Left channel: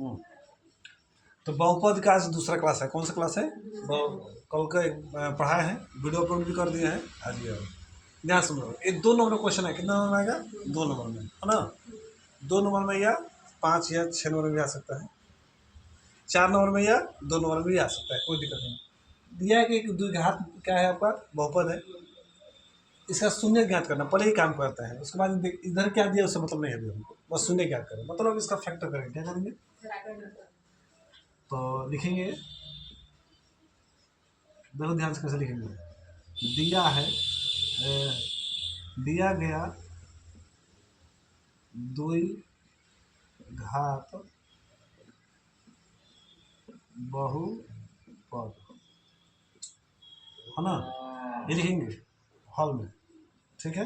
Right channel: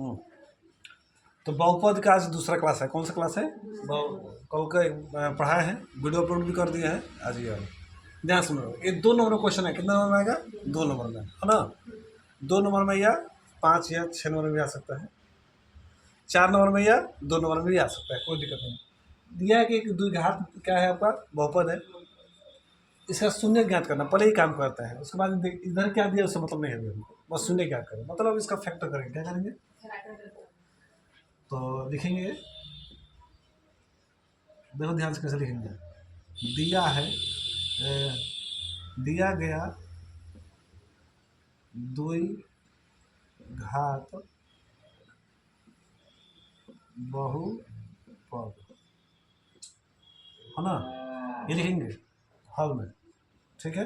हम्म। तो बहुपद का आज दूसरा क्लास है। कौन सा क्लास है? कल का पढ़ा है, वीडियो अपलोड भी कर दिए हैं। आज ये ध्यान सुनो, ये 2 नंबर का क्वेश्चन है। कितना नंबर में आएगा? 2 नंबर में, है ना। 2 नंबर में या 5 या 6 नंबर में भी आ सकता है, 4 नंबर में या 2 नंबर में भी आ सकता है, कोई दिक्कत नहीं। दिया है कि एक द्विघात क्या है आपका? बहुपद है। इसका शून्य ज्ञात करना, पहले ही काम करता है। उसके बाद इधर क्या दिया उससे मतलब नहीं है हमको, बस शून्य ज्ञात करें, मतलब इसका फैक्टर करेंगे। क्या करेंगे? तो लिखेंगे, देखो ध्यान से कैसे लिखेंगे। दिया है, दिया गया द्विघात बहुपद, है ना, ये लिखेंगे हल में। ठीक है,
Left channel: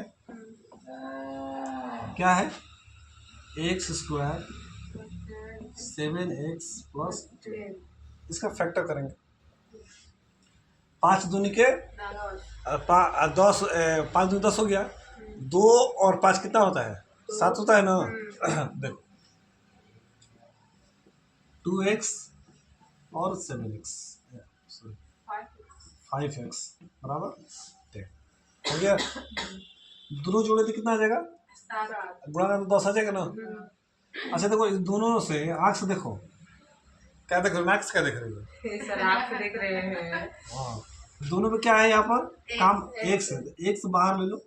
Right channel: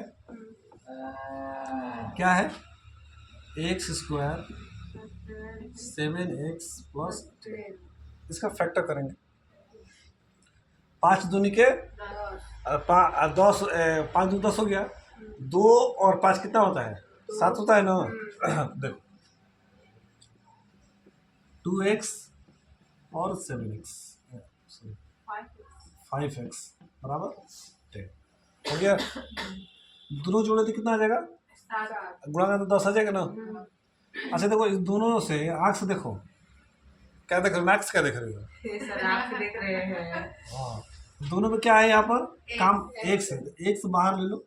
क्या है? एक्स स्क्वायर 7x प्लस 10, इसका फैक्टर करेंगे। 5 दूनी के 10, 5 दूनी 10 हो गया। 2 और 5 कितना होता है? 7 होता है ना। देखो 2x और 7x, 5x बराबर 10 हो गया। दोनों जोड़े तो कितना आ जाएगा? गुणा में तो 10 आ जाएगा ना। अच्छा देखो, इस दोनों से आँख से देखो, क्या देख रहे हो? मैक्स क्या देख रहे हो? सर आँख से देख रहे हैं। हाँ, दोनों में क्या है यहाँ पर? काम x है, x बाहर ले लो,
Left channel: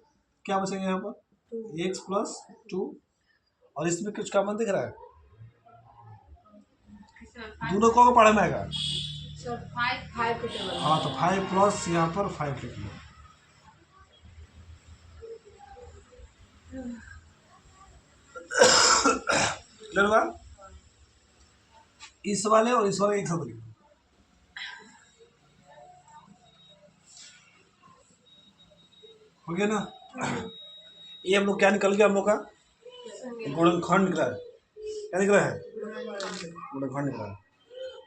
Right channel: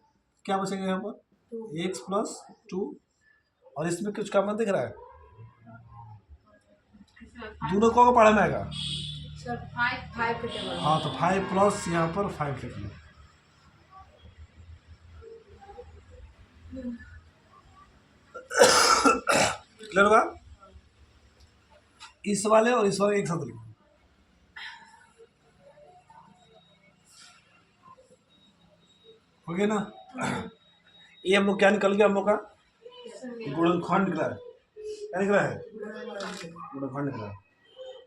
क्या बचेगा यहाँ पर? x प्लस 2, और इसमें कुछ कॉमन दिख रहा है? दोनों को पढ़े में आएगा सर 5 के टेबल। हाँ, तो 5 प्लस यहाँ पर 5 लिख लो। क्लियर होगा? इस वाले और इस वाले एक साथ लिखो। हो गया ना। ये हम लोग क्या निकल गया? हम लोग का गुणनखंड निकला है। क्या निकला है? गुणनखंड निकला है।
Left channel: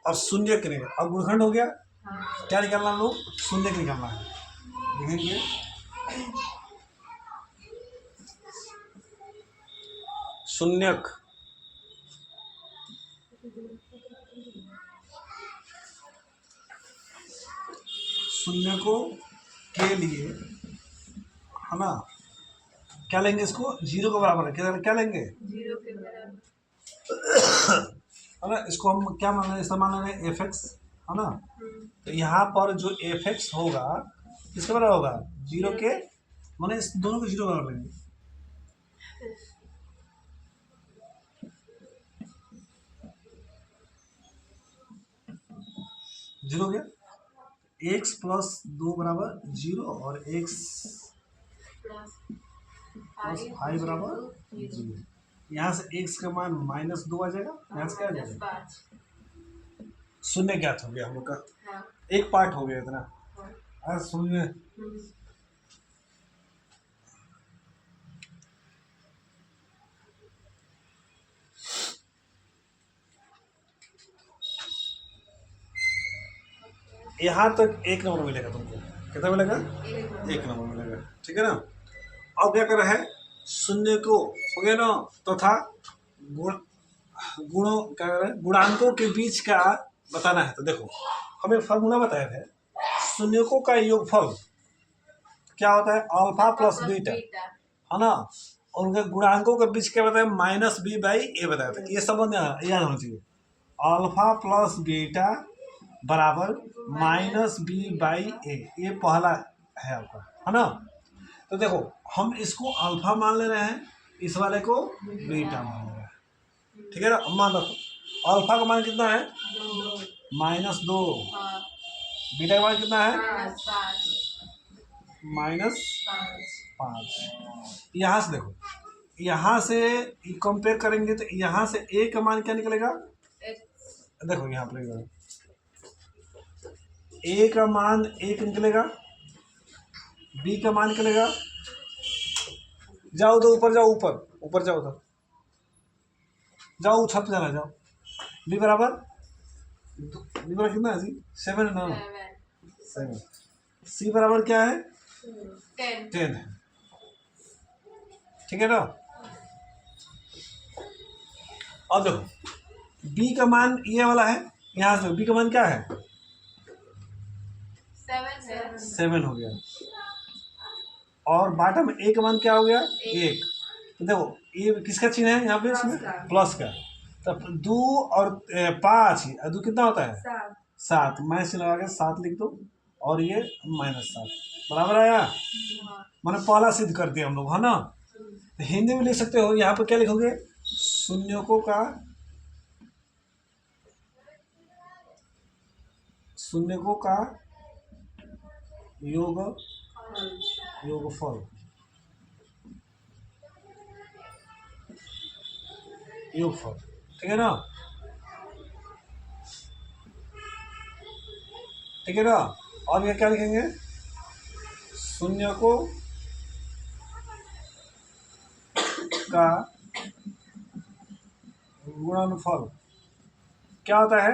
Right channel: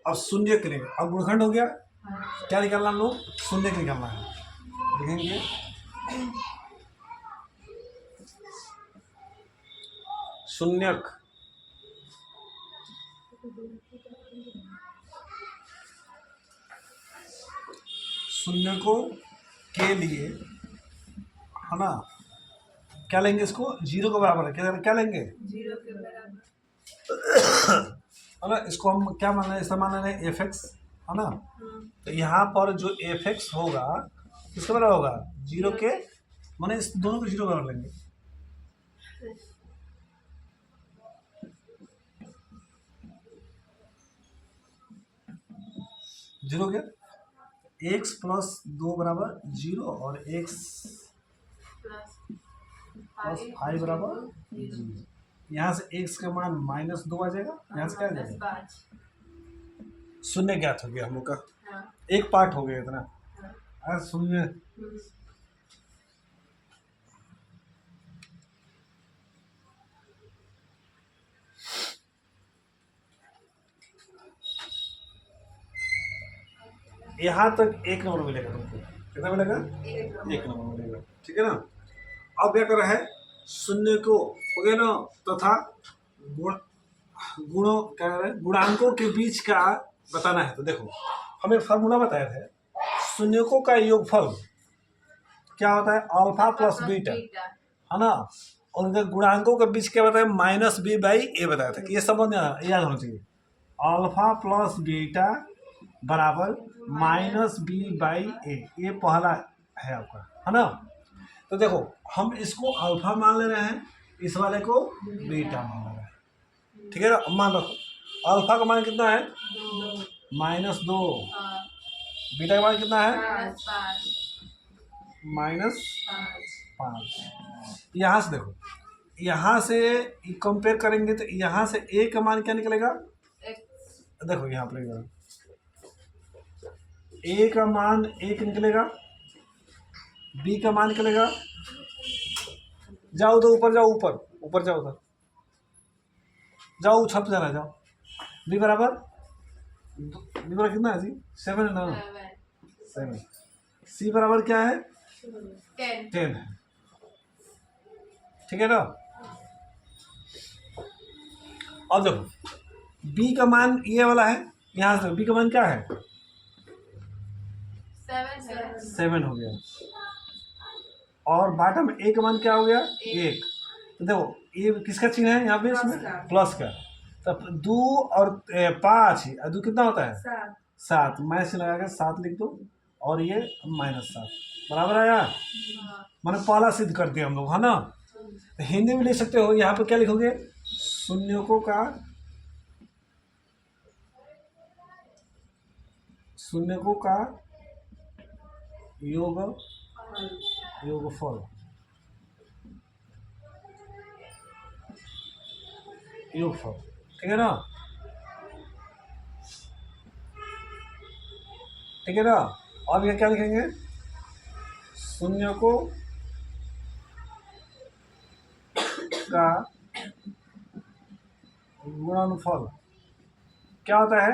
अब शून्य करेंगे। अब गुणनखंड हो गया, क्या निकालना हम लोग? शून्य निकालना है। लिखेंगे शून्यक शून्यकों के लिए, है ना, क्या लेंगे? इसको 0 के बराबर है। क्या लेंगे? 0 के बराबर, है ना। इसको हम क्या मान रहे हैं? इसमें मान रहे हैं एफ एक्स, है ना। तो यहाँ पर जो एफ एक्स होगा किसके बराबर होगा? 0 के, माने इस दोनों को 0 बराबर लेंगे। जीरो गया, एक्स प्लस 2 बराबर 0 और एक्स प्लस 5 बराबर 0। यहाँ से एक्स का मान -2 आ जाएगा, यहाँ से क्या आ जाएगा? शून्य ज्ञात हो गया हम लोग का। हाँ। एक पार्ट हो गया इतना। हाँ। शून्य यहाँ तक 1 नंबर मिलेगा तुमको। कितना मिलेगा? 1 नंबर मिलेगा। ठीक है ना। अब क्या कर रहा है? शून्य को हो गया ना, तथा गुणों क्या कर रहा है? गुणांकों के बीच का बताना है। तो देखो, हमें फॉर्मूला बताया था, शून्यकों का योगफल क्या होता है? अल्फा प्लस बीटा, है ना। और उनके गुणांकों के बीच क्या बताया? -b/a बताया था। ये सब याद होना चाहिए। अल्फा प्लस बीटा बराबर -b/a, ये पहला है आपका, है ना। तो देखो, हम इसको अल्फा मान ले रहे हैं, इस वाले को बीटा मान ले रहे हैं। ठीक है ना। मान रखो, अल्फा का मान कितना है? -2। बीटा का मान कितना है? -5। यहाँ से देखो, यहाँ से कंपेयर करेंगे तो यहाँ से a का मान क्या निकलेगा? देखो यहाँ पर a का मान 1 निकलेगा, b का मान निकलेगा, जाओ उधर ऊपर, जाओ ऊपर जाओ, उधर जाओ, छत जाना, जाओ। b बराबर कितना है जी? 7 है ना। 7। c बराबर क्या है? 10 है। ठीक है ना। अब देखो, बी का मान ये वाला है, यहाँ से बी का मान क्या है 7 हो गया, और बॉटम में ए का मान क्या हो गया 1। तो देखो ये किसका चिन्ह है यहाँ पे, इसमें प्लस का। तब 2 और 5, 2 कितना होता है 7, माइनस लगा के 7 लिख दो, और ये -7 बराबर आया। मैंने पहला सिद्ध कर दिया हम लोग, है ना। हिंदी में लिख सकते हो, यहाँ पर क्या लिखोगे, शून्यकों का योगफल, ठीक है ना, ठीक है ना। अब ये क्या लिखेंगे, शून्यकों का गुणनफल क्या होता है,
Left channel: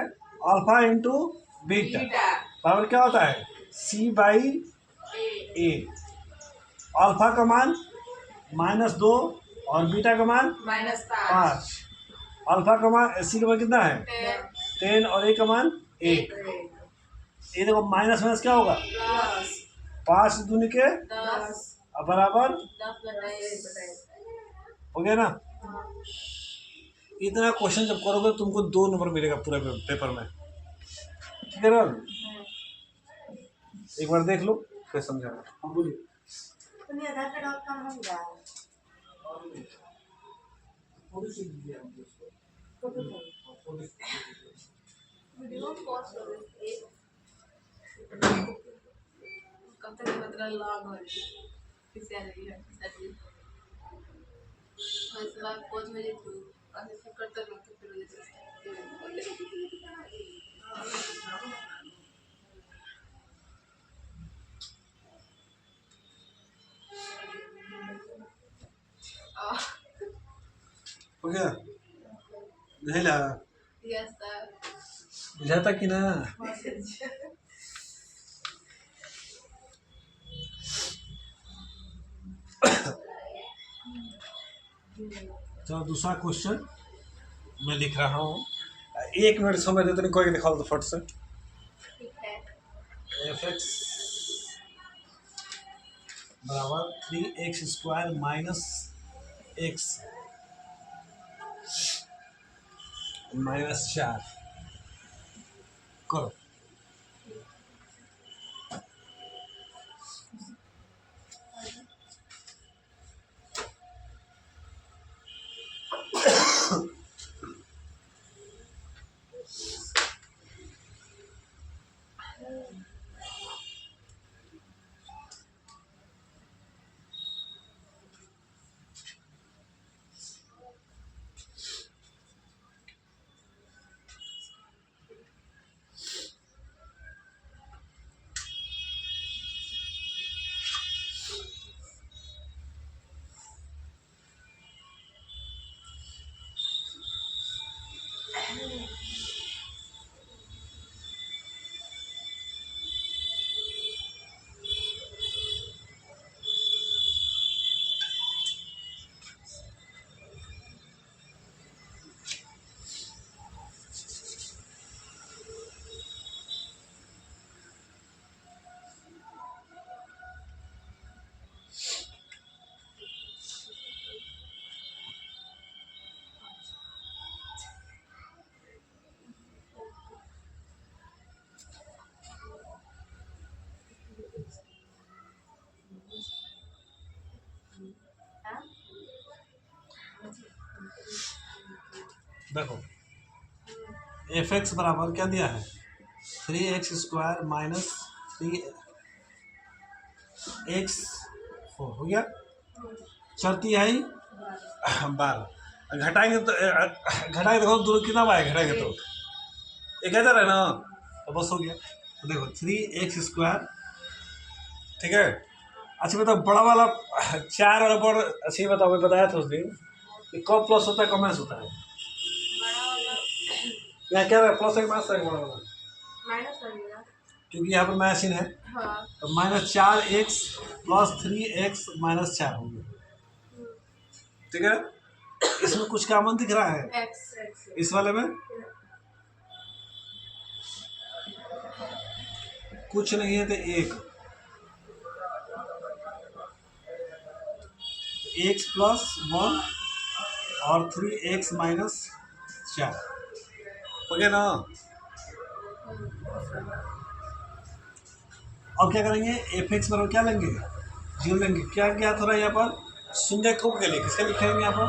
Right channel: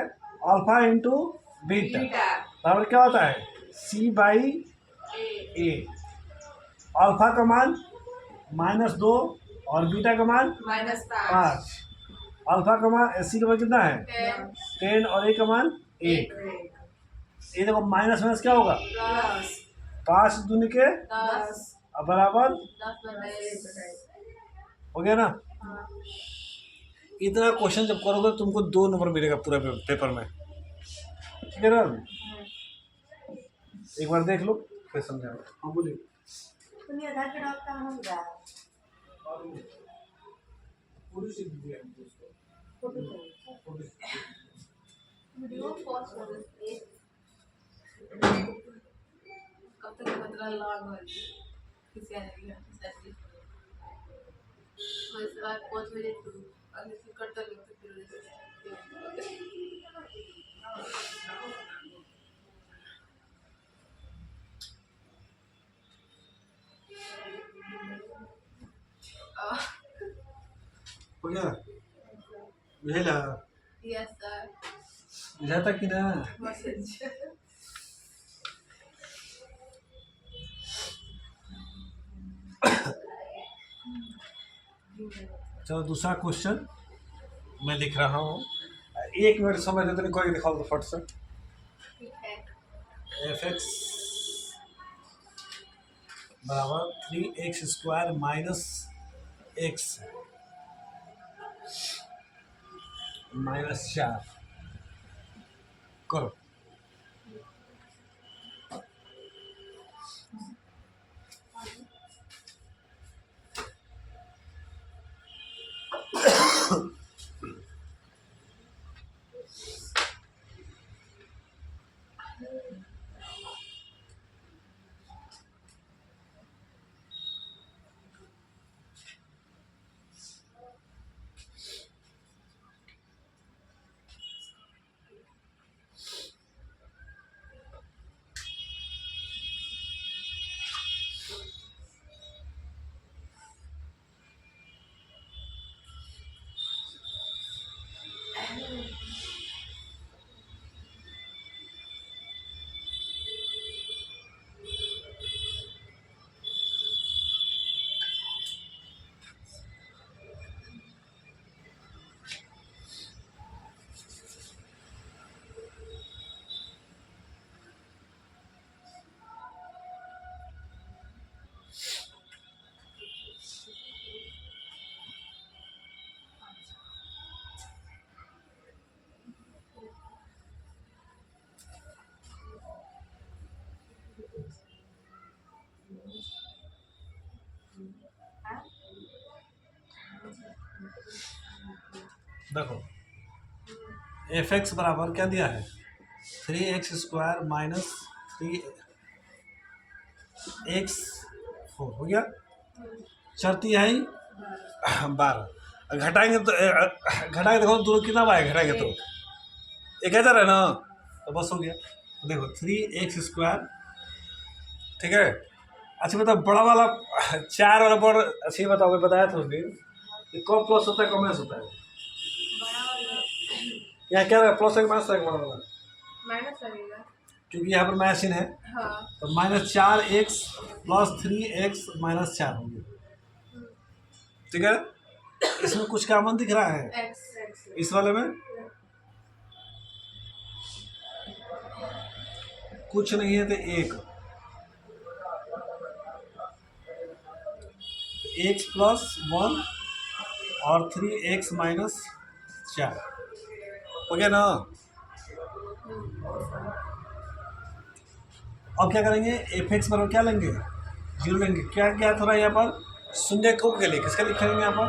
अल्फा इंटू बीटा बराबर क्या होता है C/A। अल्फा का मान -2 और बीटा का मान -5। अल्फा का मान C का मान कितना है 10 और A का मान 1। ये देखो माइनस माइनस क्या होगा 5 दूनी के 10 बराबर हो गया ना। इतना क्वेश्चन जब करोगे तुमको 2 नंबर मिलेगा पूरा पेपर में, ठीक है ना। एक बार देख लो फिर समझा। हाँ बोलिए। आधार कार्ड और काम होगा वीडियो पॉज कर दे कब तक मतलब लॉग हो रही किसी आ रही है सैटरडे और इसके बाद 5 बजे तो अभी फिर करता हूँ तो फिर हो जाता हो गया, बुझेला यस सर बुझाता कि ना। चलो दूसरा क्वेश्चन मैं लिख रहा हूँ, 1 मिनट समय देते नहीं, कोई दिखाओ तो फट से। ठीक है fx बराबर 3x² माइनस x -4 करो। देखो fx बराबर क्या दिया है 3x² माइनस 3x4 हो गया, चरती आई 12, घटाएंगे तो घटाएंगे देखो दोनों कितना आएगा, घटाएंगे तो 1000 है ना, तो बस हो गया। तो देखो 3x², ठीक है। अच्छा बताओ बड़ा वाला 4 वाला बड़ा, अच्छा ये बताओ, मैं बताया था उस दिन कि कब प्लस होता है कब माइनस होता है, बड़ा वाला यहाँ क्या है प्लस है कि माइनस है बड़ा वाला, माइनस लगेगा क्योंकि यहाँ पर माइनस चिन्ह है, हाँ तो -4x + 3x - 4 होंगे, ठीक है। इसमें कुछ कॉमन दिख रहा है एक्स इस वाले में? कुछ नहीं है तो एक्स प्लस 1 और 3x माइनस 4 हो गया ना। अब क्या करेंगे, एफ एक्स बराबर क्या लेंगे, 0 लेंगे। क्या क्या थोड़ा यहाँ पर शून्य को के लिए किसका लिखेंगे यहाँ पर,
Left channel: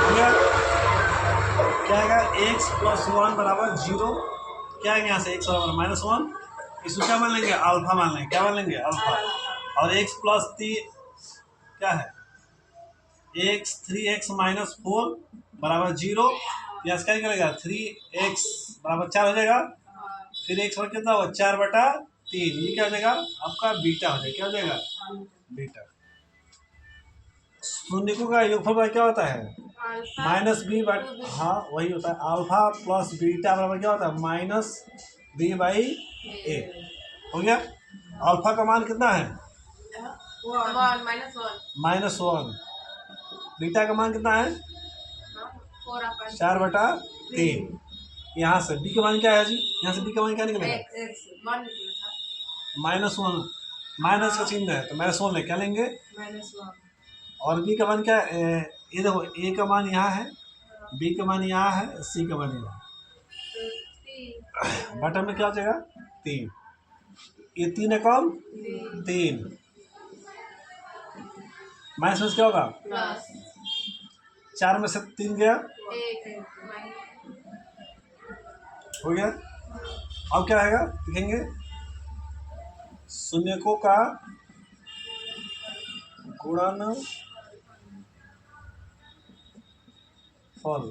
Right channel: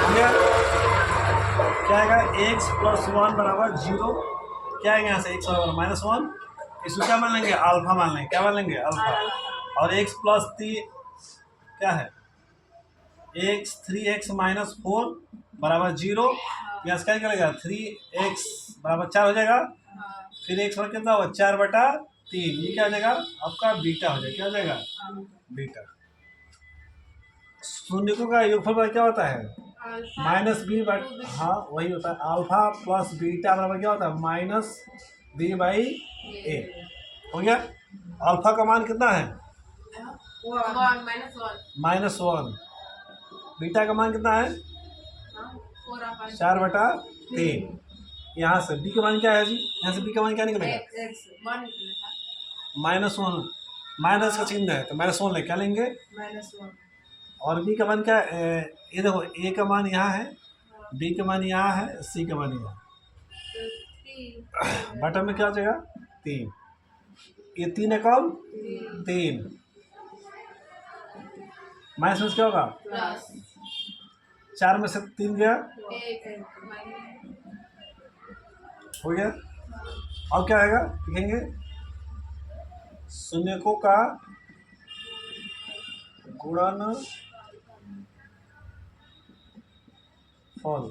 हो गया। क्या आएगा, एक्स प्लस 1 बराबर 0। क्या आएगा यहाँ से, एक्स बराबर -1। इसको क्या मान लेंगे, अल्फा मान लेंगे। क्या मान लेंगे, अल्फा। और एक्स प्लस 3 क्या है, एक्स 3x माइनस 4 बराबर 0। यहाँ से क्या निकलेगा, 3x बराबर 4 हो जाएगा। फिर x बराबर कितना होगा, 4/3। ये क्या हो जाएगा आपका, बीटा हो जाएगा। क्या हो जाएगा, बीटा। शून्यकों का योगफल क्या होता है, -b/, हाँ वही होता है। अल्फा प्लस बीटा बराबर क्या होता है, -b/a। हो गया। अल्फा का मान कितना है, -1। बीटा का मान कितना है, 4/3। यहाँ से b का मान क्या है जी, यहाँ से b का मान क्या निकलेगा, -1। माइनस का चिन्ह है तो -1 क्या लेंगे, और b का मान क्या है, ये देखो a का मान यहाँ है, b का मान यहाँ है, c का मान यहाँ। बटन में क्या हो जाएगा, 3। ये 3 है कौन, 3। माइनस में क्या होगा, 4 में से 3 गया, हो गया। अब क्या आएगा, लिखेंगे शून्यकों का गुणन फल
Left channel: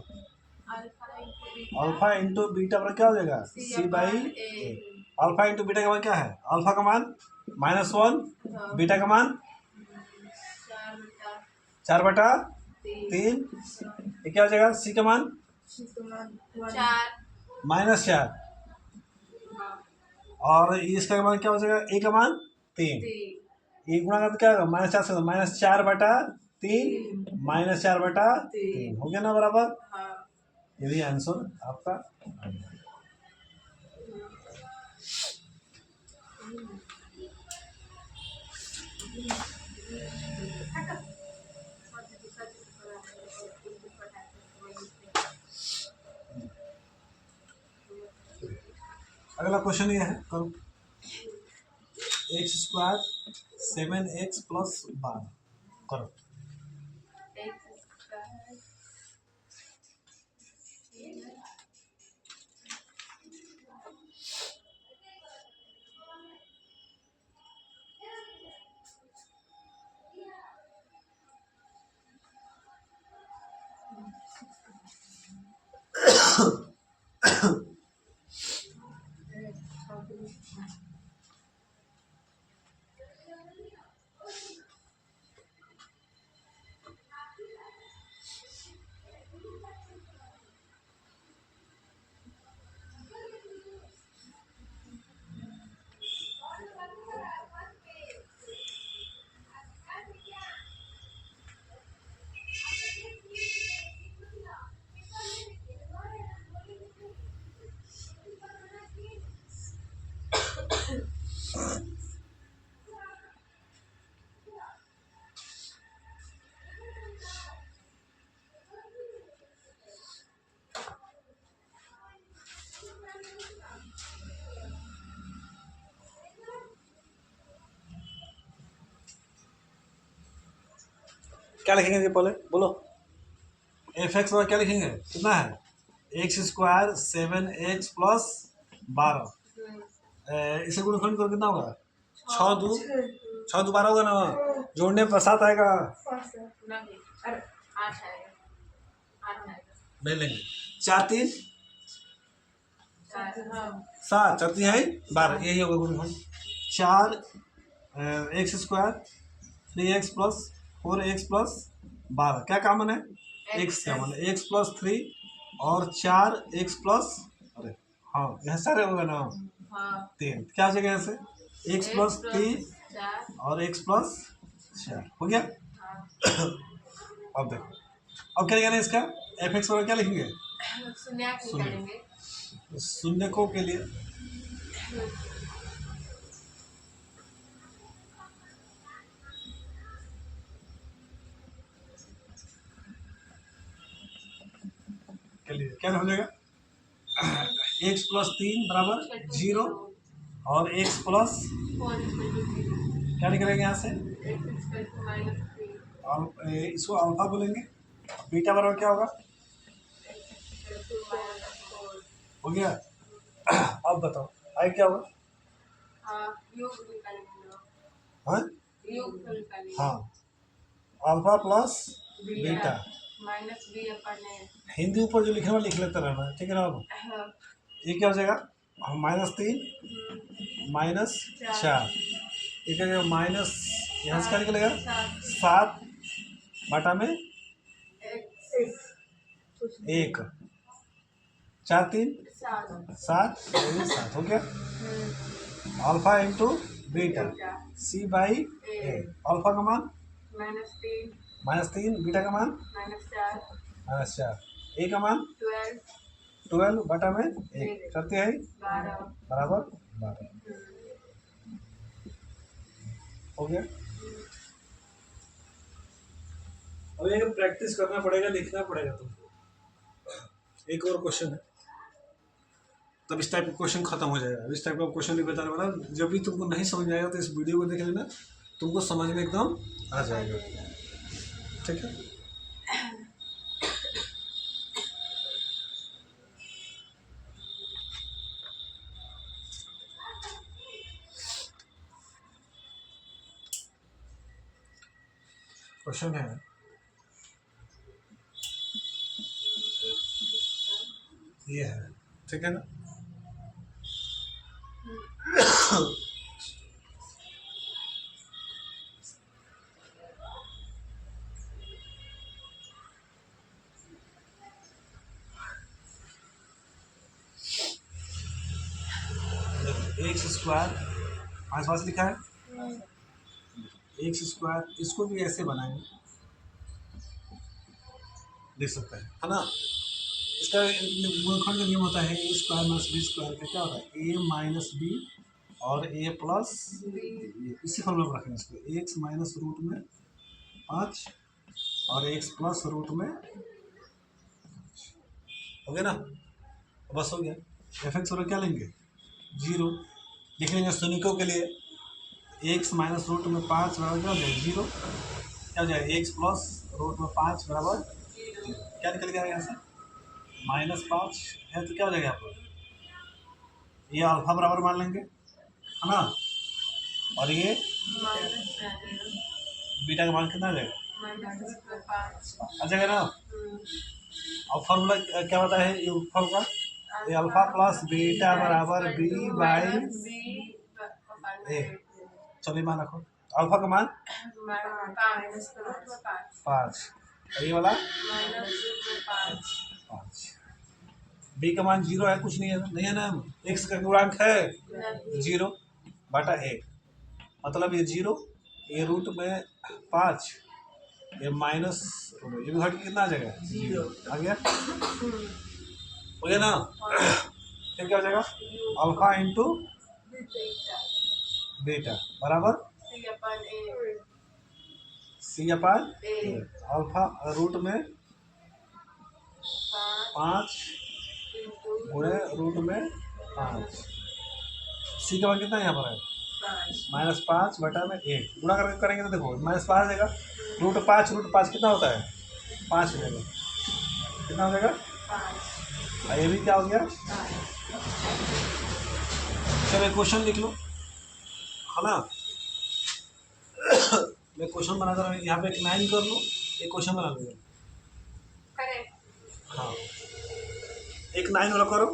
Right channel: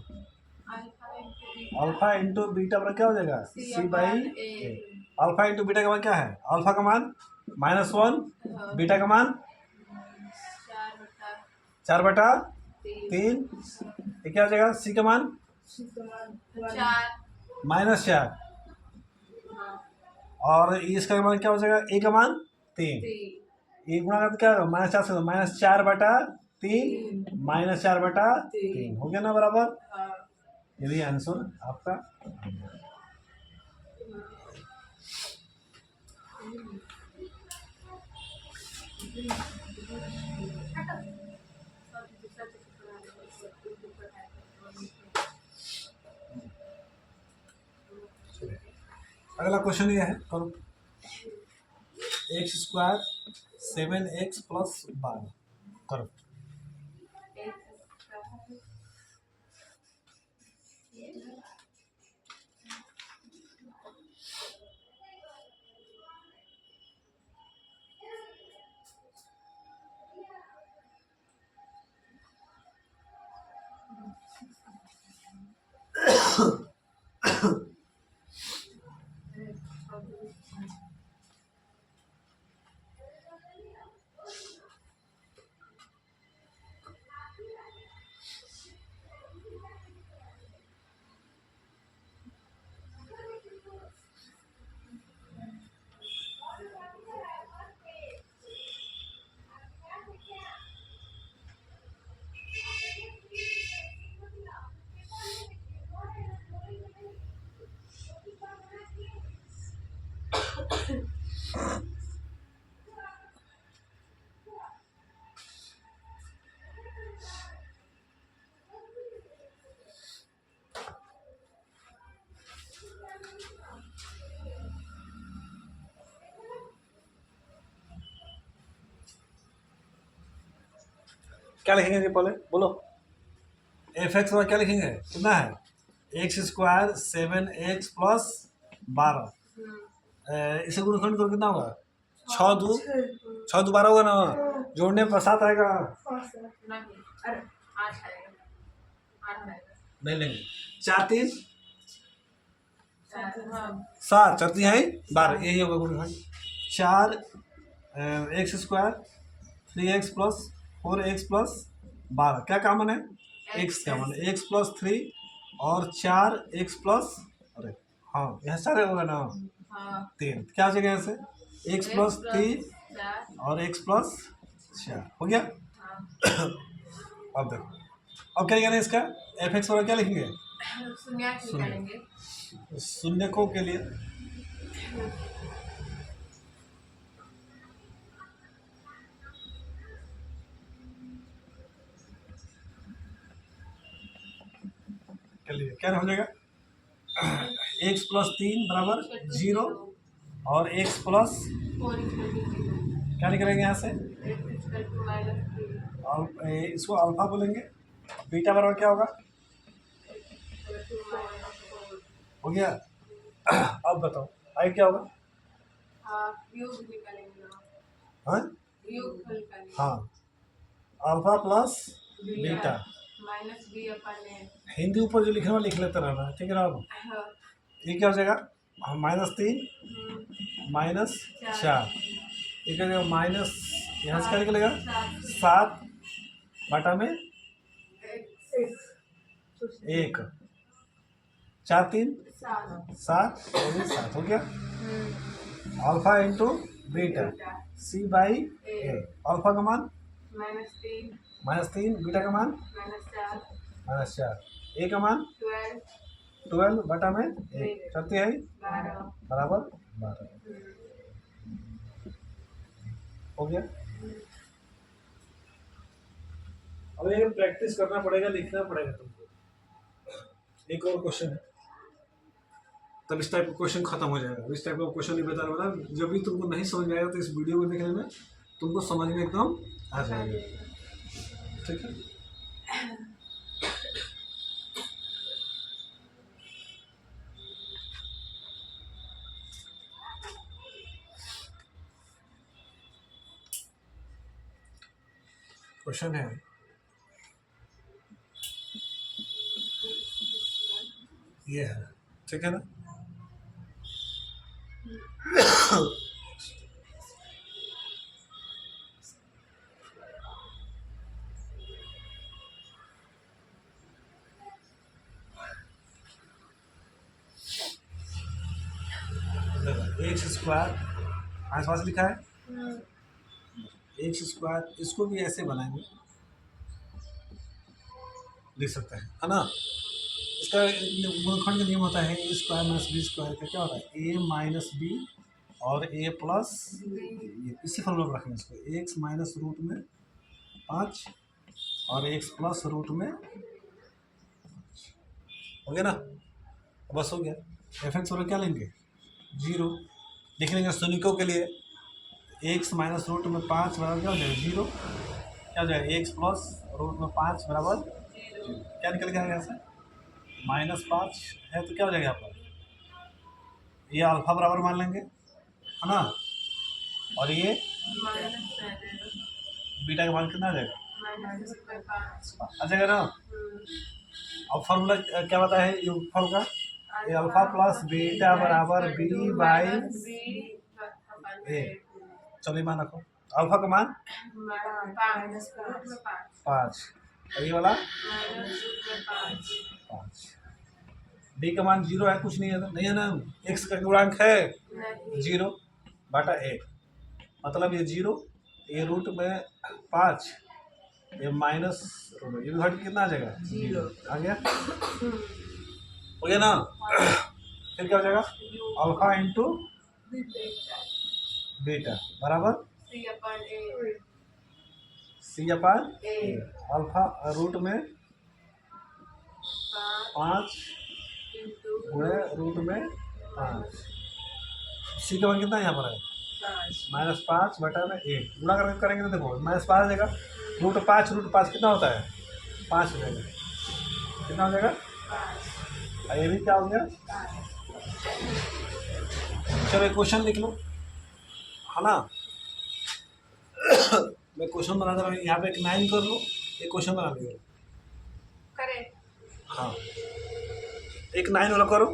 अल्फा इंटू बीटा पर क्या हो जाएगा, c/a। अल्फा इंटू बीटा का मान क्या है, अल्फा का मान -1, बीटा का मान 4/3। ये क्या हो जाएगा, c का मान -4, और इसका मान क्या हो जाएगा, a का मान 3। ये गुणा का क्या होगा, -4 से -4/3 -4/3 हो गया ना बराबर। ये भी आंसर आपका। अगला क्वेश्चन ये है, करो। x² 7x + 12 करो। क्या लिखेंगे जी, पहले बोलो। f(x) में क्या लिखेंगे, कितना है, x² 7x + 12। इसे गुणनखंड करो, कितना होगा, 6 2 12 होगा ना। जोड़ने पर 7 आएगा, नहीं लेंगे। 4 3 7, 4 3 है 12, यही होगा गुणनखंड। 4 x² 3x + 4x + 12 क्या कॉमन है, x कॉमन है, x + 3 और 4x + अरे हाँ यहाँ सारे होगा ना, 3 क्या हो जाएगा यहाँ से, एक्स प्लस 3 4 और एक्स प्लस 4 हो गया। हाँ अब देखो, अब क्या कहना है इसका एफ एक्स और क्या लिखेंगे, शून्य निकालेंगे। शून्यकों के लिए क्या हो जाएगा, एक्स प्लस 3 बराबर 0 और एक्स प्लस 4 क्या निकलेंगे यहाँ से, -3 और इसको अल्फा बोलेंगे, बीटा बराबर क्या होगा, हो गया। अब बताओ आई क्या होगा, योग निकालेंगे ना, हाँ योग निकालेंगे। हाँ, alpha plus beta, -b/a। Hindi ऊपर जो लिखना लिख लेते रहना, ठीक है ना। अब हाँ ये क्या हो जाएगा, -3 -4, ये क्या जाएगा माइनस, यहाँ से क्या निकलेगा 7 बटा में 1, 4 3 7 7 हो गया। Alpha into beta C by A, alpha का मान -3, बीटा का मान -4, ए का मान 12 बटा में 1 करते हैं 12 बराबर 12 हो गया। अब ये प्रैक्टिस करना पड़ेगा, लिखना पड़ेगा तुमको। एक और क्वेश्चन है, तब इस टाइप का क्वेश्चन खत्म हो जाएगा। इस टाइप का क्वेश्चन नहीं बता रहा, जब भी तुमको नहीं समझ में आएगा तो इस वीडियो को देख लेना, तुमको समझ में एकदम आ जाएगा, ठीक है। क्वेश्चन है ये है, ठीक है ना। एक्स स्क्वायर आसपास लिखा है, एक्स स्क्वायर, इसको भी ऐसे बनाएंगे, लिख सकते हैं, है ना। इसका गुणनखंड का नियम होता है ए स्क्वायर माइनस बी स्क्वायर का क्या होता है, ए माइनस बी और ए प्लस, इसी फॉर्मूला पर रखेंगे इसको, एक्स माइनस रूट में 5 और एक्स प्लस रूट में, हो गया ना, बस हो गया। एफ एक्स और क्या लेंगे 0, लिख लेंगे शून्यकों के लिए, एक्स माइनस रूट में 5 बराबर क्या हो जाएगा 0, क्या हो जाएगा एक्स प्लस रूट में 5 बराबर 0, क्या निकल गया यहाँ से -5 है, तो क्या हो जाएगा यहाँ पर, ये अल्फा बराबर मान लेंगे, है ना, और ये बीटा का मान कितना आ जाएगा, आ जाएगा ना। अब फॉर्मूला क्या बताया है योगफल का, ये अल्फा प्लस बीटा बराबर बी बाई ए, चलिए मान रखो, अल्फा का मान 5, ये वाला 5, बी का मान 0 है, कुछ नहीं है, नहीं है ना, एक्स का गुणांक है 0 बटा 1, मतलब ये 0, ये रूट में 5, ये माइनस रूट में, ये भी घट कितना आ जाएगा 0 आ गया, हो गया ना। फिर क्या हो जाएगा अल्फा इंटू बीटा बराबर सी अपन ए, अल्फा रूट में 5 गुणे रूट में 5, सी का मान कितना यहाँ पर है -5 बटा में 1, गुणा करके करेंगे तो देखो -5 देगा, रूट 5 कितना होता है 5 हो जाएगा, कितना हो जाएगा, और ये भी क्या हो गया। चलो एक क्वेश्चन लिख लो, है ना। मैं क्वेश्चन बना रहा हूँ, यहाँ पे एक 9 कर लो, एक क्वेश्चन बना लो, हाँ एक 9 वाला करो।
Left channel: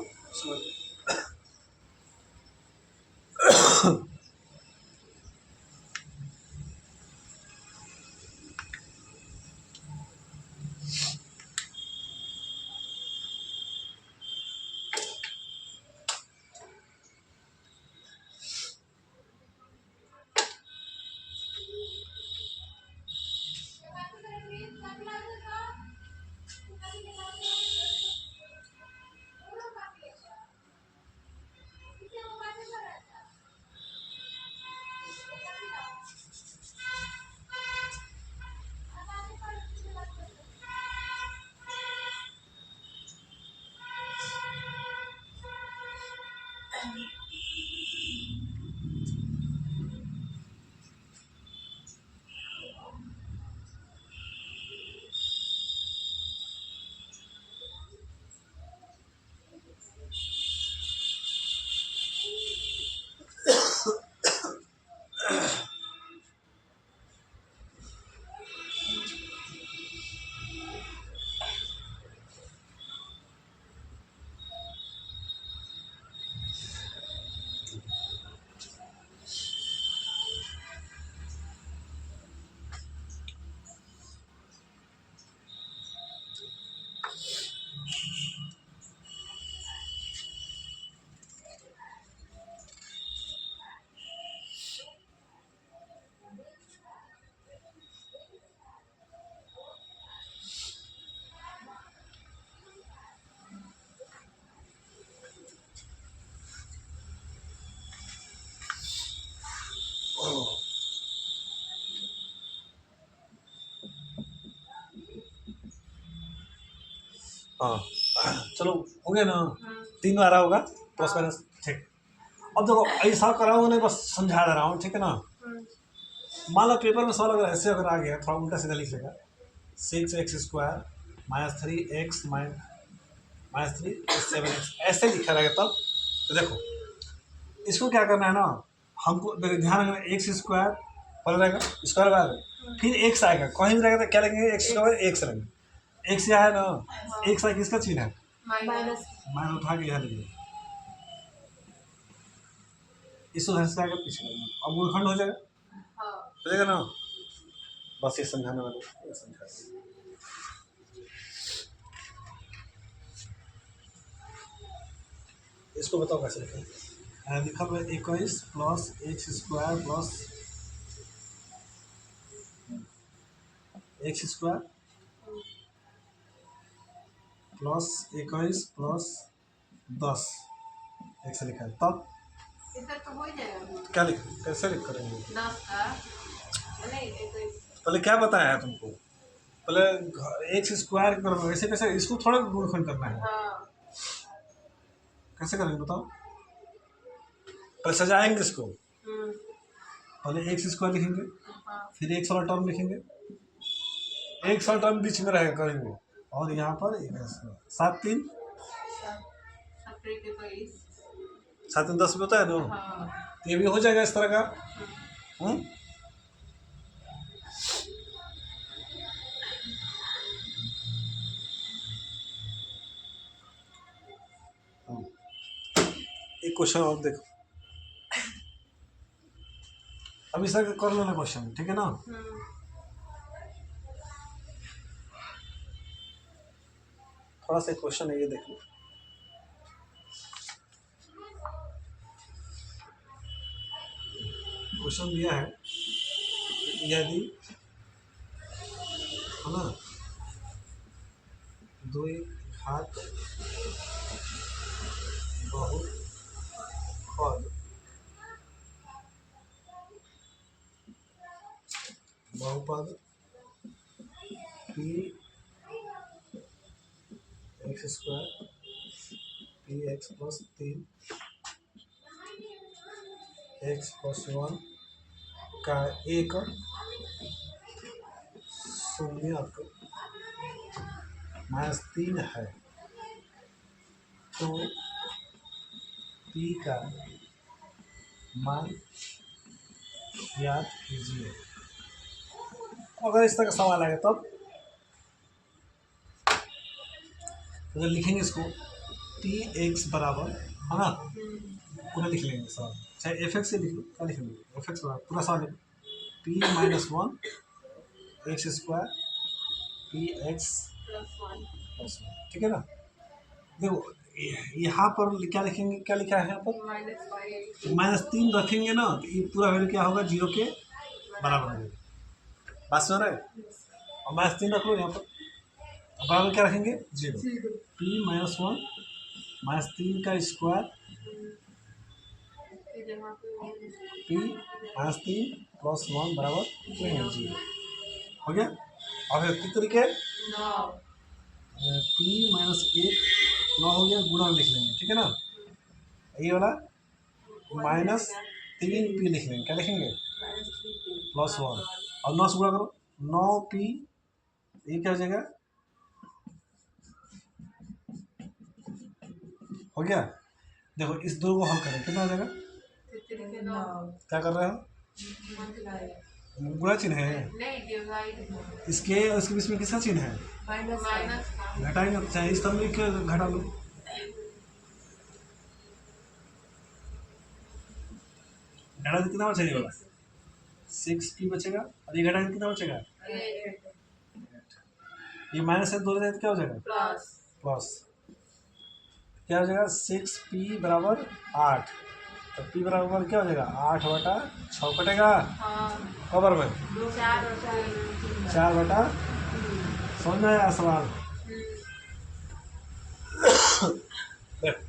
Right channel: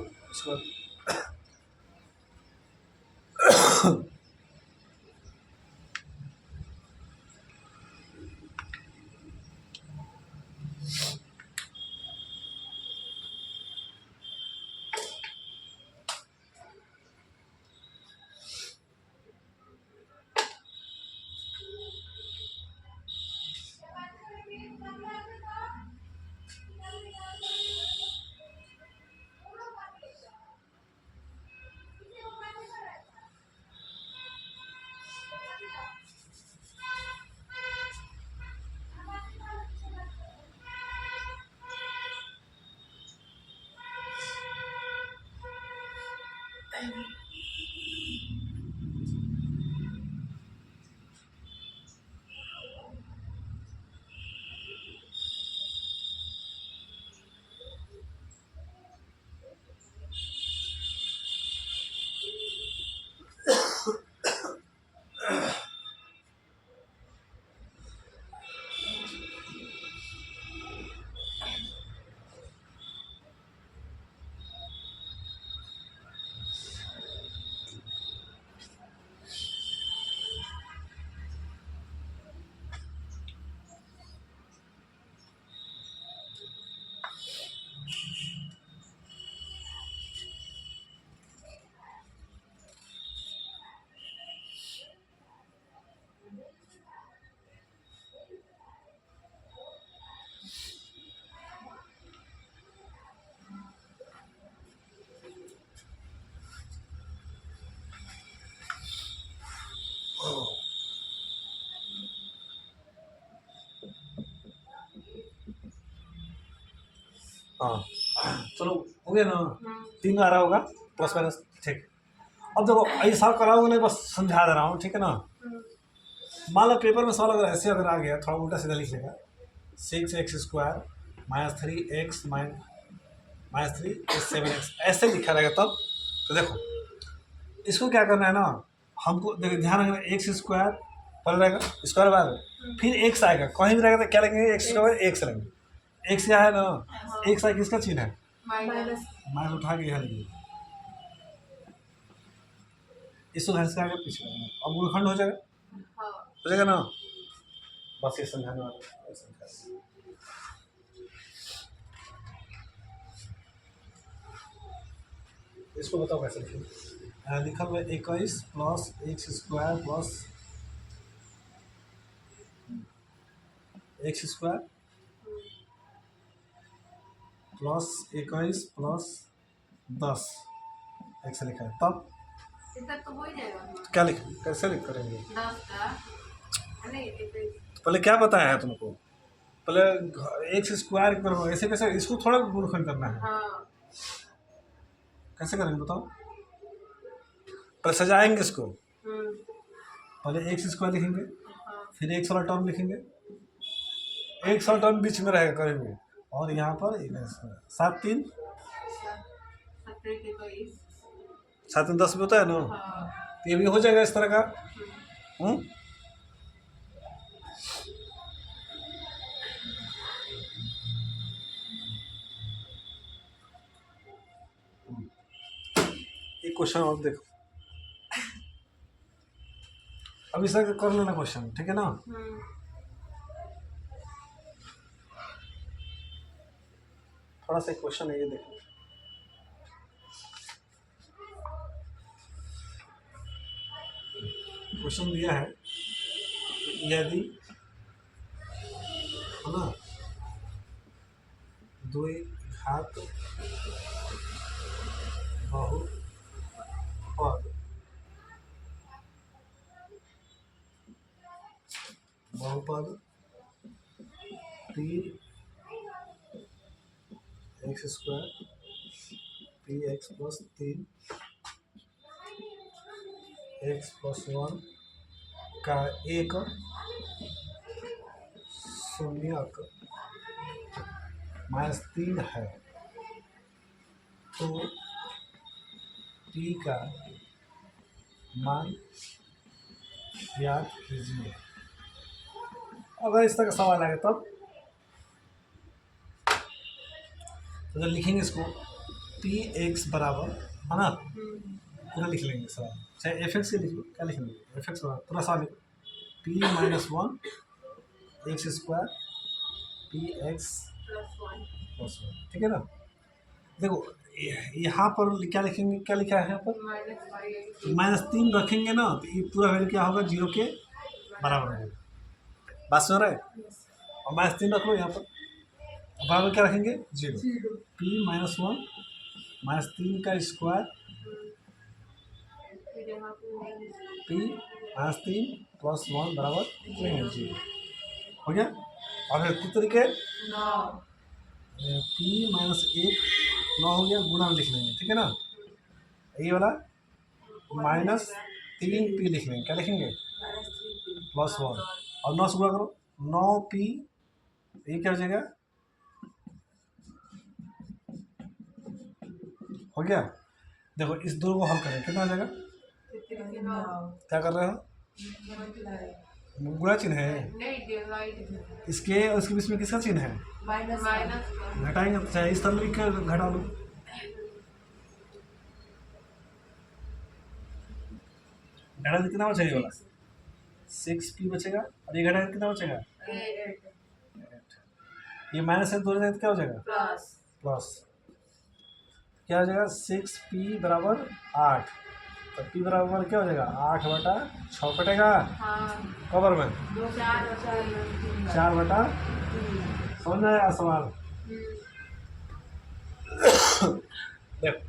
हाँ चलो हो गया ना, हम्म, 3 बार होगा प्लस माइनस, ठीक। अब देखो ऐसा कराऊंगा नहीं, बस समझा दे रहा हूँ, ठीक है ना। हम्म, मान लो पेपर में सवाल अगर ऐसे अगर आ गया, थोड़ा उल्टा सीधा लिख लेगा, 6x² minus 3x minus 3 7x, ऐसे ही लिखा रहेगा तब। तो देखो इसको क्या करना है ना, हमको देखो ध्यान रखना, x² पहले रहेगा, स्क्वायर बाद फिर x आएगा, कहीं भी रहेगा तो क्या लगेंगे, x² x रहेंगे, x यहाँ है ना, x आएगा, किसका चिन्ह है, माइनस, माइनस उठा के यहाँ लिखिए, इसको घर से आगे पीछे करना, अब गुणखंड हो जाएगा, हाँ, हो जाएगा ना। बस ये समझाने वाले, ये समझा, इसको बताओ कैसे लिखें। लिखा हुआ 21 plus x² plus x² plus 21 plus 10 ऐसे लिखा है, तब इतना तो हो ही जाएगा। क्या लिख, कैसे लिख करेंगे। 10 का नहीं, पहले क्या बताया है तुमको, पहले x² करो, ऐसे कैसे, इसको थोड़ा गुणनखंड करना है, हाँ, कैसे करेंगे बताओ। पहले सजाएंगे इसको, हम्म, पहले x² लिखेंगे, हाँ, फिर x वाला टर्म लिखेंगे, x वाला टर्म बीच में रहेगा कहीं भी, और यहाँ पर 7 3 17 के 21, 7 3 10 भी होता है ना, हाँ, तो ये भी हो जाएगा इस तरह का। हम्म, एक क्वेश्चन और देखो, अब इस तरह का कर लेना क्वेश्चन, ठीक है ना। हम्म, थोड़ा सा क्वेश्चन है, ये देखो, क्वेश्चन दिया है, यदि है ना 2 घात बहुपद p x² px plus 3 x plus 1 का एक शून्यक -3 है, तो p का मान याद कीजिए। अगर इस तरह का सवाल आएगा तब तो लिखेंगे इसको, पी एक्स बराबर, है ना, पूरा लिख लेंगे सवाल, चाहे एफ एक्स के लिख लो, क्या लिखेंगे, एफ एक्स बराबर पूरा सवाल लिखो, P -1 x² P x plus 1, ठीक है ना। देखो यहाँ पर क्या लिखेंगे, क्या लिखा है यहाँ पर, -3 रखेंगे ना, तो ये पूरा वैल्यू क्या होगा, 0 के बराबर होगा, बात सुन रहे हैं। और -3 रख लो यहाँ पर, बराबर क्या रखेंगे, 0, p -1 -3 का स्क्वायर p -3 प्लस 1 बराबर 0 हो गया। अब किस तरीके, p -1 9 हो गया, गुणा लिख लेंगे, ठीक है ना, ये वाला -3p लिख लेंगे, क्या लिखेंगे, प्लस 1, और 9 से गुणा करो, 9p, ये क्या हो जाएगा, हो गया। देखो इस दो को हल करें, कितना हो जाएगा, क्या कर रहे हो, गुणा चिन्ह है, इसके उसके बीच में किसका चिन्ह है, घटाएंगे, चाहे इस तरह लिख के घटा लो, घटा के कितना बचेगा, 6p बचेगा, और ये घटा के कितना बचेगा, ये माइनस से 2 क्या हो जाएगा, प्लस, क्या हो जाएगा, 6p बराबर 8, तो p बराबर क्या हो जाएगा, 8/6 कटेगा, कबर में 4/, समझ में आया सवाल। देखो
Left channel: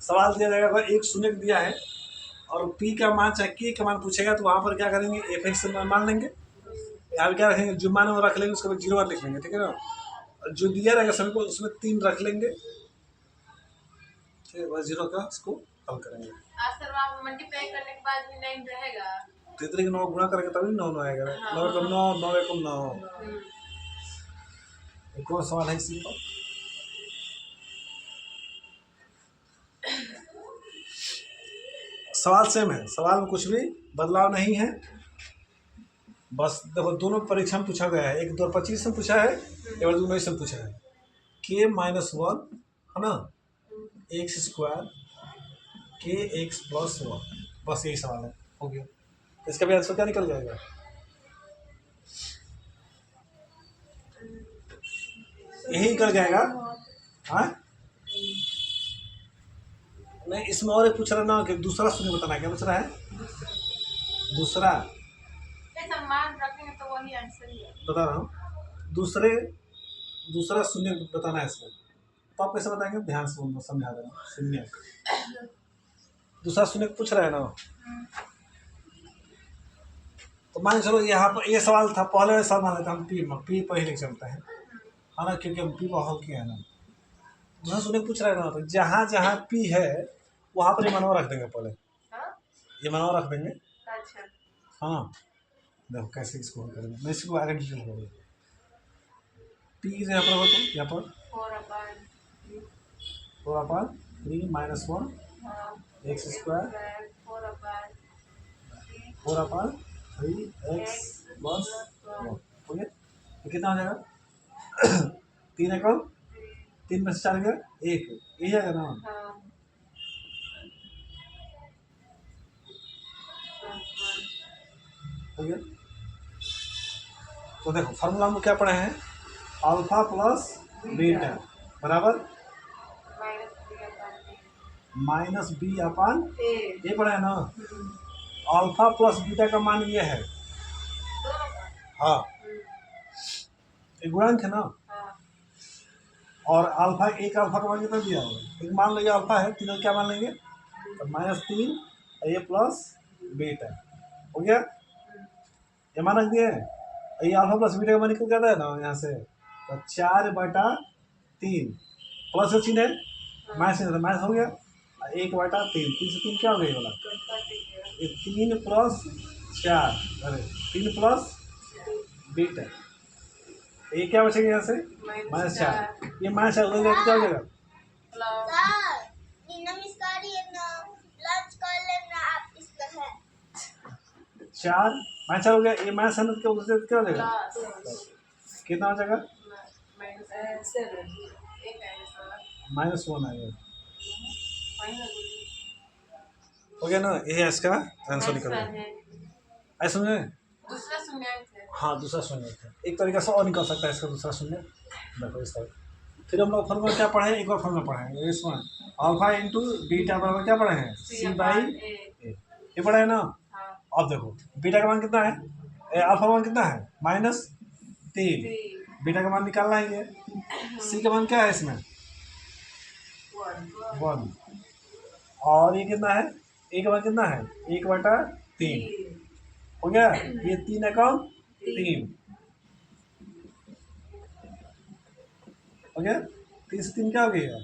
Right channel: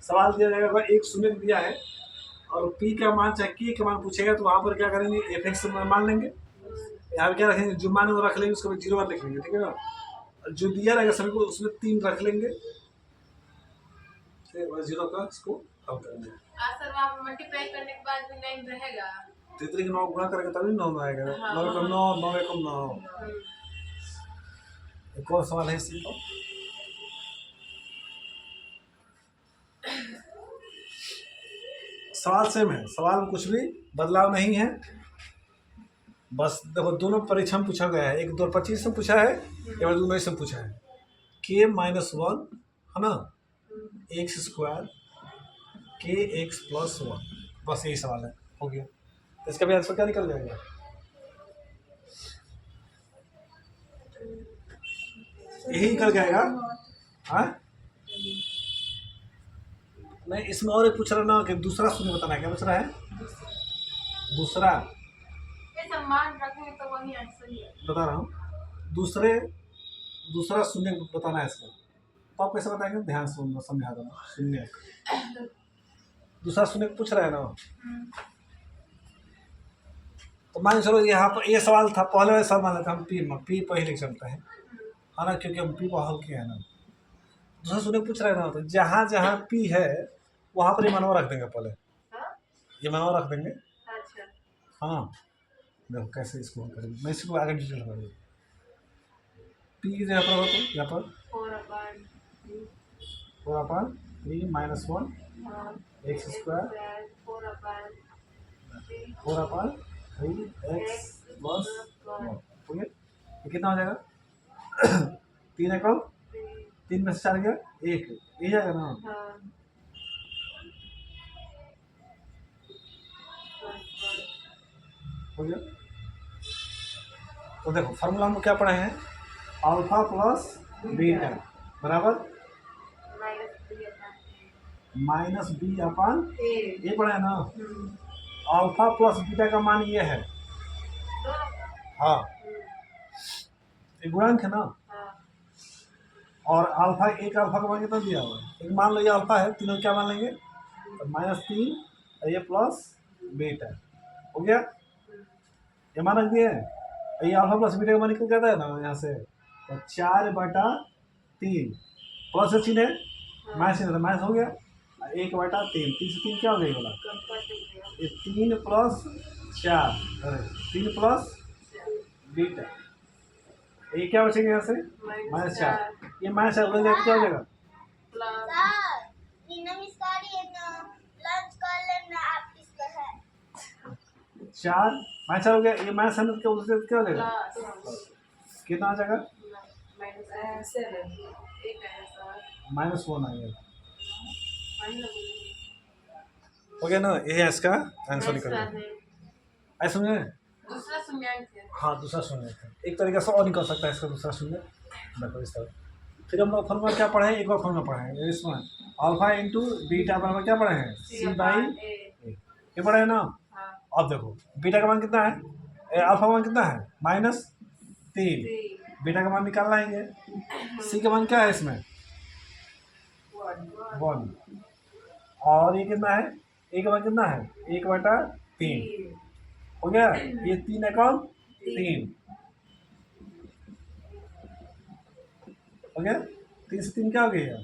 सवाल दिया जाएगा, अगर एक शून्य दिया है और p का मान चाहे k का मान पूछेगा, तो वहाँ पर क्या करेंगे, f x मान लेंगे, यहाँ पे क्या रखेंगे, जो मान वो रख लेंगे, उसके बाद 0 लिख लेंगे, ठीक है ना। जो दिया रहेगा सभी को उसमें 3 रख लेंगे, ठीक है, बस 0 का इसको हल करेंगे। सर वहाँ मल्टीप्लाई करने के बाद भी 9 रहेगा। तो इतने 9 गुणा करेंगे तभी 9 आएगा। 9 एकम 9, 9 एकम 9। एक और सवाल है इसी को। सवाल सेम है, सवाल में कुछ भी बदलाव नहीं है, बस देखो दोनों परीक्षा में पूछा गया है, एक 2025 में पूछा है, एक 2019 में पूछा है। k माइनस 1 है ना, एक्स स्क्वायर के एक्स प्लस 1, बस यही सवाल है, हो गया। इसका भी आंसर क्या निकल जाएगा? यही निकल जाएगा। हाँ नहीं, इसमें और एक पूछ रहा ना कि दूसरा शून्य बताना है, क्या पूछ रहा है? दूसरा मान रखेंगे तो वही आंसर ही है। बता रहा हूँ, दूसरा शून्य बताना है इसको। तो आप कैसे बताएंगे? ध्यान से समझा देना। शून्य, दूसरा शून्य पूछ रहा है ना, तो मान चलो यहाँ पर ये सवाल था, पहले सवाल मान लेते हम पी पहले चलता है ना, क्योंकि हम पी को हल किया है ना। दूसरा शून्य पूछ रहा है ना, तो जहाँ जहाँ पी है वहाँ पर ये मानव रख देंगे, पहले ये मानव रख देंगे। अच्छा हाँ देखो कैसे इसको हल करेंगे, मैं इसको आगे डिटेल करूँगा। पी यहाँ पर हो, तो यहाँ पर 4/3 minus 1 x square 4/3 x plus 1 हो गया। ये कितना हो जाएगा? 3 एकम 3 में से 4 गया 1, ये जाएगा ना। हो गया। तो देखो फार्मूला में क्या पढ़े हैं? अल्फा प्लस बीटा बराबर माइनस बी अपन ये पढ़े है ना। अल्फा प्लस बीटा का मान ये है, हाँ ये गुणांक है ना। और अल्फा, एक अल्फा का मान कितना दिया हुआ है? एक मान लो ये अल्फा है, तीनों क्या मान लेंगे? तो -3 ये प्लस बीटा हो गया। ये मान रख दिए, ये अल्फा प्लस बीटा का मान निकल जाता है ना यहाँ से। तो 4/3 प्लस का चिन्ह है, माइनस चिन्ह माइनस हो गया, 1/3 3 से 3 क्या हो गया ये वाला? ये 3 प्लस 4, अरे 3 प्लस बीटा, ये क्या बचेगा यहाँ से? -4। ये -4 उधर जाके क्या हो जाएगा? चार -4 हो गया, ये माइनस है क्या उधर से क्या हो जाएगा? कितना आ जाएगा? -1 आ गया, हो गया ना। ये है इसका आंसर निकल गया। ऐसा समझे? दूसरा शून्य है। हाँ दूसरा शून्य है, एक तरीके से और निकल सकता है इसका दूसरा शून्य। देखो इस तरह। फिर हम लोग फॉर्मूला क्या पढ़े हैं? एक और फॉर्मूला पढ़े हैं इसमें, अल्फा इंटू बीटा बराबर क्या पढ़े हैं? C/A, ये पढ़े है ना। अब देखो बीटा का मान कितना है, अल्फा का मान कितना है? -3। बीटा का मान निकालना है ये। सी का मान क्या है इसमें? 1। और ये कितना है? ए का मान कितना है? 1/3 हो गया। ये 3 एकम 3 हो गया। 3 से 3 क्या हो गया?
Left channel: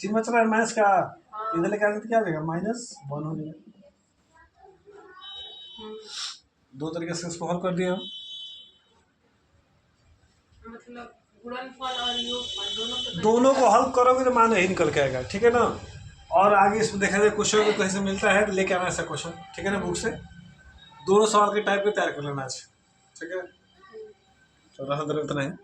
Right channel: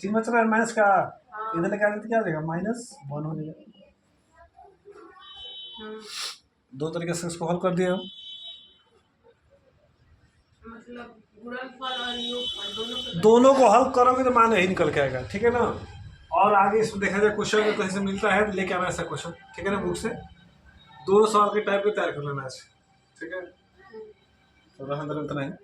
चिन्ह बच रहा है माइनस का, इधर लेके आगे तो क्या हो जाएगा? -1 हो जाएगा। दो तरीके से इसको हल कर दिया। मतलब गुणनफल और योगफल दोनों को हल करोगे तो मान यही निकल के आएगा, ठीक है ना। और आगे इसमें देखा जाए क्वेश्चन को कहीं से मिलता है तो लेके आना ऐसा क्वेश्चन, ठीक है ना, बुक से दोनों सवाल के टाइप पे तैयार कर लेना आज, ठीक है। तो इतना है।